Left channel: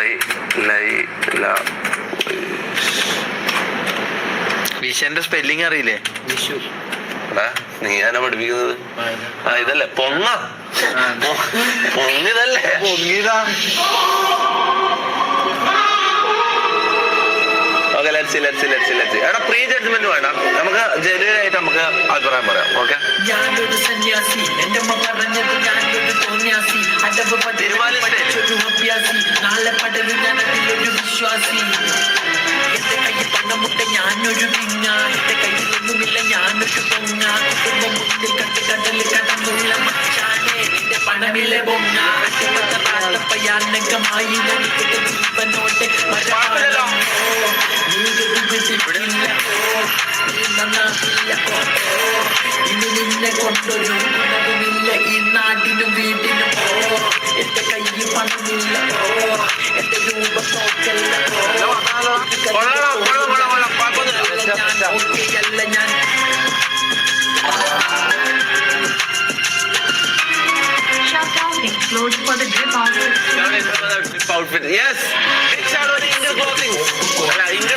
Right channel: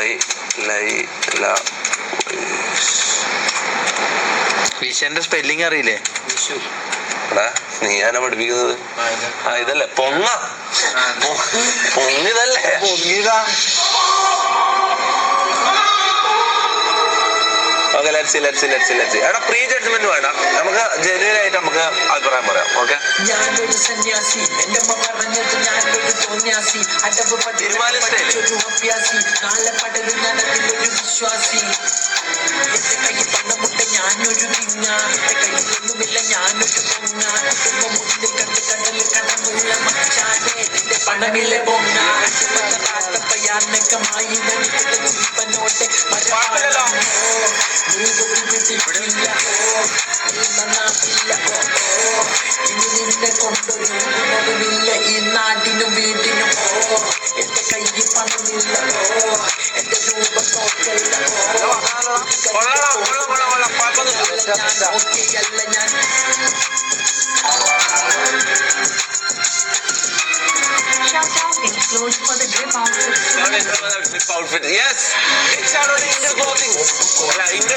I ലൈ ല വിഷന്റെ spelling അറിയില്ലേ? വിഷു. എടാ നീ ഞാനാ പഠിപ്പിക്കുന്നത്? ആ ഇതല്ലേ പൊങ്ങ. പൊങ്ങിതല്ലേ പൊങ്ങിയതാ. ഓക്കെ ലെറ്റ്സി ലെറ്റ്സി ലെറ്റ്സി ലെറ്റ്സി എടാ പ്രീ ജഡ്ജ്മെന്റ് വേണ്ട. നമുക്ക് ജെന്യൂൻ ആയിട്ട് നമുക്ക് അഭിപ്രായം പറയാം ഓക്കെ ഞാനൊരു സന്യാസി. എന്റെ അമ്മ പറഞ്ഞത് ഞാനൊരു തോന്യാസി. അടവ്. പഠിച്ചൊരു അഭ്യാസി നാളെ പടരും ഞാൻ അതിലൊരു വിശ്വാസി. എന്റെ കയ്യിൽ പണമുണ്ട് ഞാനൊരു നിങ്ങ. എന്റെ കയ്യിലൊന്നുമില്ല ഞാനൊരു പൊങ്ങ. കുടുംബം മുന്നിൽ കണ്ട് കടലിൽ കടന്നുള്ള മച്ചാനെ. എന്റെ പണമില്ല പൊങ്ങ. ഞാൻ ഇവിടെ ജീവനോടെ. മരമാണോ നീ ഗതി പിടിക്കില്ല ഓ. നീ നന്നാക്കില്ല ഓ. ഇനി നിന്നെ കൊണ്ടൊരു ഗുണവുമില്ല ഈ നാടിനും വീടിനും ഓ. എന്റെ കയ്യിൽ പണമില്ല ഓ. എന്റെ രൂപം നോക്കല്ല ഓ കൊള്ളാം കൊള്ളാം കൊള്ളാം കൊള്ളാം കുഴപ്പമൊന്നുമില്ല ഞാൻ ഓക്കെയല്ല ഞാൻ Shutdown explodes for the grip outfit. Outfit yes inner clothing അല്ല ഇങ്കർ ക്ലോത്ത്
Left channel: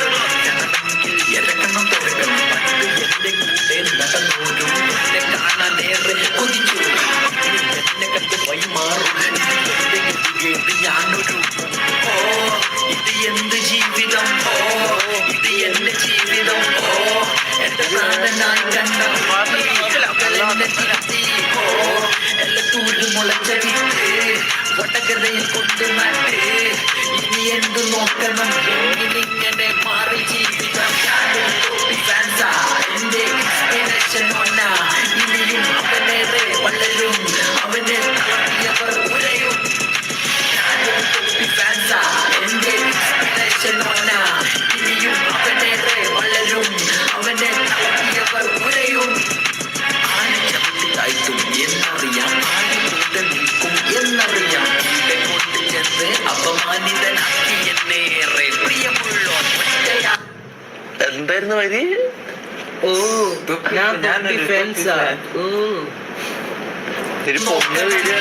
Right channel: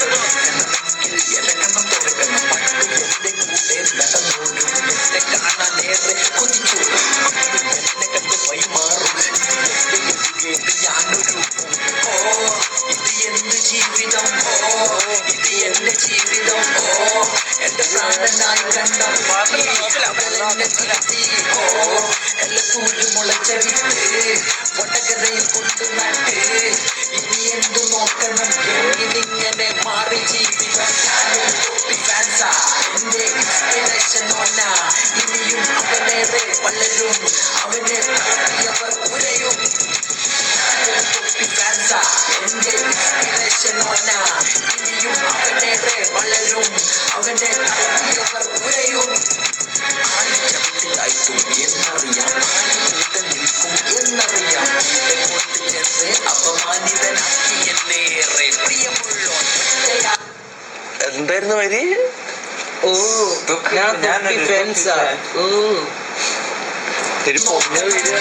ഇത് എന്റെ ജീവിതം ഓ എന്റെ പ്രാണനായി കണ്ട എന്നെ തിരുത്തി ഓ എല്ലത്തൂര് മുളച്ച വിത്ത് കൊണ്ട് നട്ട് ഇനി എന്തു നോക്കണം എങ്ങിനിങ്ങനെ മാറി ജീവിതം എന്റെ ഇൻസ്പിറേഷൻ ഒന്ന ഇനിയും അവനേറെ വളരും അവനെ താഴ്ത്തിയവർ ഉരയും എന്റെ ഒന്ന ഇനിയും അവനെ വളരും. അവനെ താഴ്ത്തിയവർ ഉരയും. ആനച്ചവിട്ടിലായിട്ടും എന്നറിയാം. ആന കൂടെ നിൽക്കും എന്നറിയാം. എന്റെ കൊണ്ട് ചെന്ന് അപമാനിതനാക്കി എന്നേറെ പ്രിയമുള്ളോ ഒറ്റയാ. എന്തായിരുന്നു വരി? ഓ ഞാൻ തൊപ്പി ഓ. ഒരു വീഡിയോ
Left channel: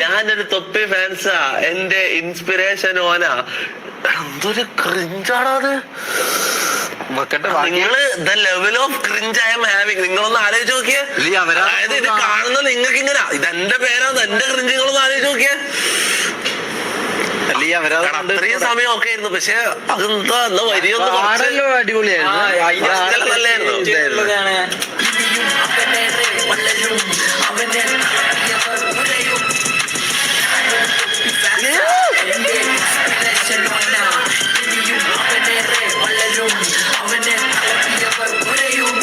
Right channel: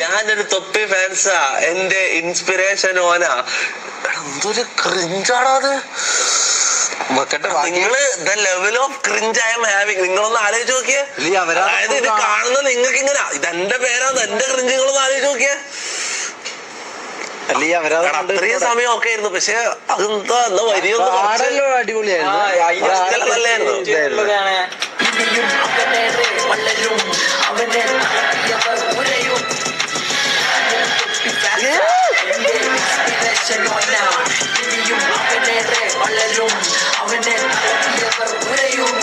ഞാനൊരു തൊപ്പി ഫാൻസാ. എന്റെ ഇൻസ്പിറേഷൻ ഓനാ. എന്തൊരു ക്രിഞ്ചാണോ അത്. നിങ്ങൾ the level of cringe I'm having. നിങ്ങളൊന്ന് ആലോചിച്ച് നോക്കിയേ. അതായത് ഇത് കാണുന്ന നിങ്ങൾക്ക് ഇങ്ങനെ ഇത് എന്റെ പേരാന്ന് എന്റെ ക്രിഞ്ച് നിങ്ങളൊന്ന് ആലോചിച്ച് നോക്കിയേ അല്ല ഈ അവരാ എടാ, അത്രയും സമയം ഒക്കെ ആയിരുന്നു പക്ഷെ അതെന്താ എന്നാ വരിയൊന്ന് അടിപൊളിയായിരുന്നു. നല്ലായിരുന്നു. അവനെ ഉരയും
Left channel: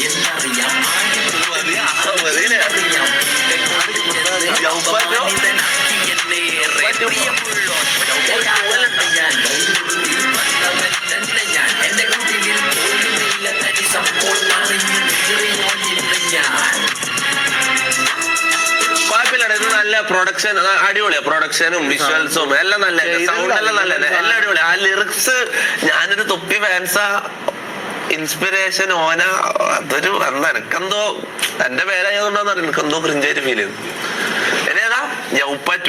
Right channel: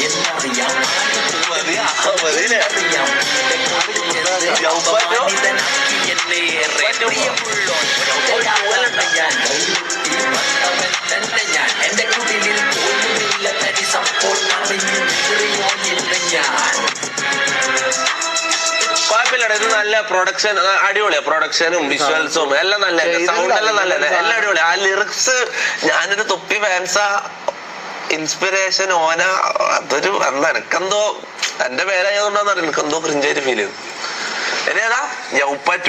എന്നറിയാം ആന ഞാൻ എന്റെ കുടിലിൽ പോലുമില്ല അറിഞ്ഞു ഞാൻ ഇത് നല്ല പ്രൊഡക്ഷൻ അടിപൊളിയാ പ്രൊഡക്ഷനും വിഷ്വൽസും എല്ലാം നല്ല സൗണ്ട് എല്ലാം നല്ല എല്ലാം അടിപൊളി. ആ ലിറിക്സ് ഞാനൊരു തൊപ്പി ഫാൻസാ ഇൻസ്പിറേഷൻ ഓന അതൊരു എന്താ എനിക്കെന്തോ എന്റെ പേരായതുകൊണ്ടാന്ന് അറിയാം എനിക്കെന്തോ ക്രിഞ്ചായിട്ട് ഫീൽ ചെയ്തു. ഇനി ഏതാ? യൗപ്പറ്റു